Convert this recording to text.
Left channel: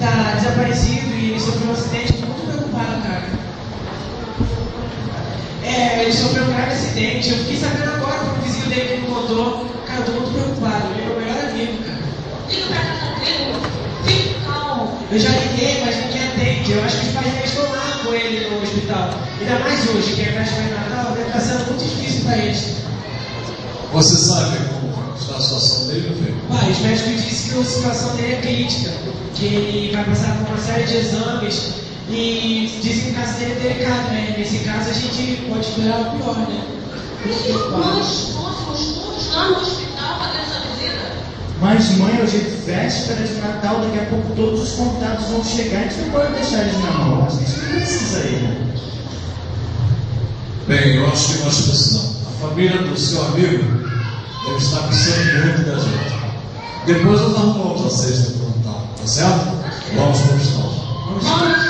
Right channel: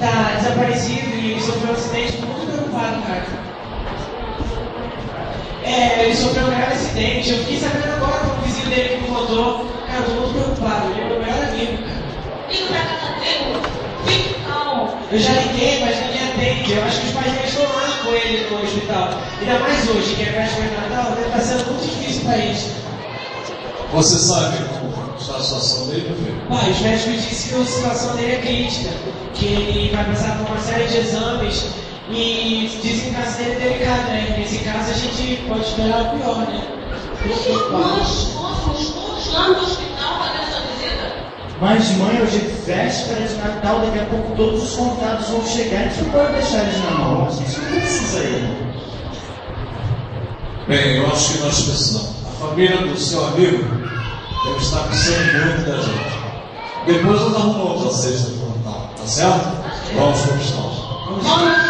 tá desaparecido e sofreu um acidente, muito preocupado, cara. Ele sofreu um grave acidente, eu fiquei sabendo agora que o vizinho dele que me contou. Cara, eu tô muito preocupado, ele é meu melhor amigo, cara. Liga pra casa dele, fique calmo. Eu já liguei, mas ninguém atende. Eu acho que os pais dele estão lá com ele no hospital. Ainda mais hoje, que é véspera de Natal, deve estar sendo muito difícil para eles. Você sabe como está a situação dele, filho? Pai, os médicos disseram que a situação dele é crítica, que ele vai passar por uma série de exames e dizem que a caso dele é delicado, né? Nesse caso a gente pode esperar o pior, né? Nós fomos todos lá no hospital fazer essa visita. Mas, mãe, hoje é véspera de Natal, daqui a pouco todos os contatos vão chegar, a gente não pode deixar eles na mão, a gente não precisa ir, né? Bem, eu acho que nós precisamos. A família do seu amigo deve estar precisando muito da gente. Depois nós arrumamos a cesta de Natal, tá certo? Vamos conquistar. Vamos.